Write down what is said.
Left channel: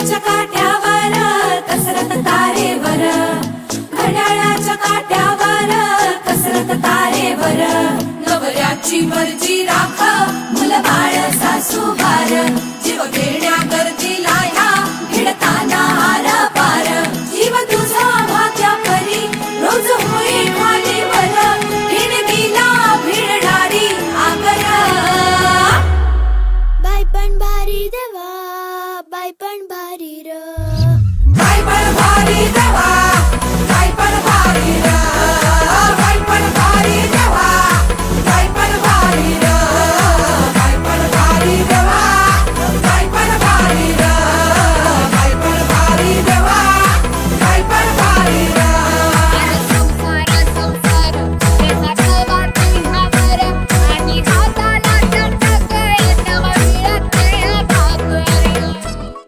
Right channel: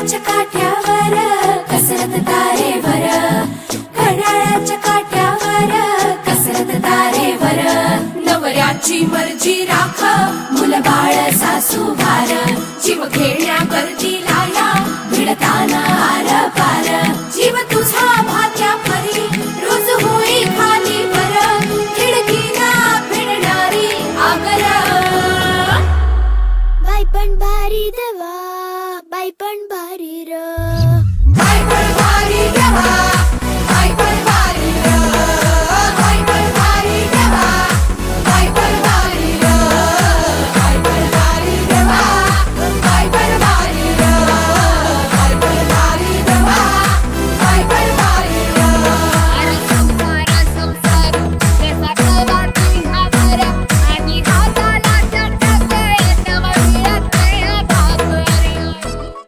घड्याळाच्या काठ्यावर कसरत तारेवर, घड्याळाच्या काठ्यावर कसरत तारेवर. नवऱ्याची मर्जी राख मुल बाळ सासू भार, जीव खेळण्या गरजीला या भिडताना आर पार. जीव तुझा भात्या परी रोज होई खाली वर, भिडकीला भिडणारी आगर. बाई पण भारी देवा, बाई पण भारी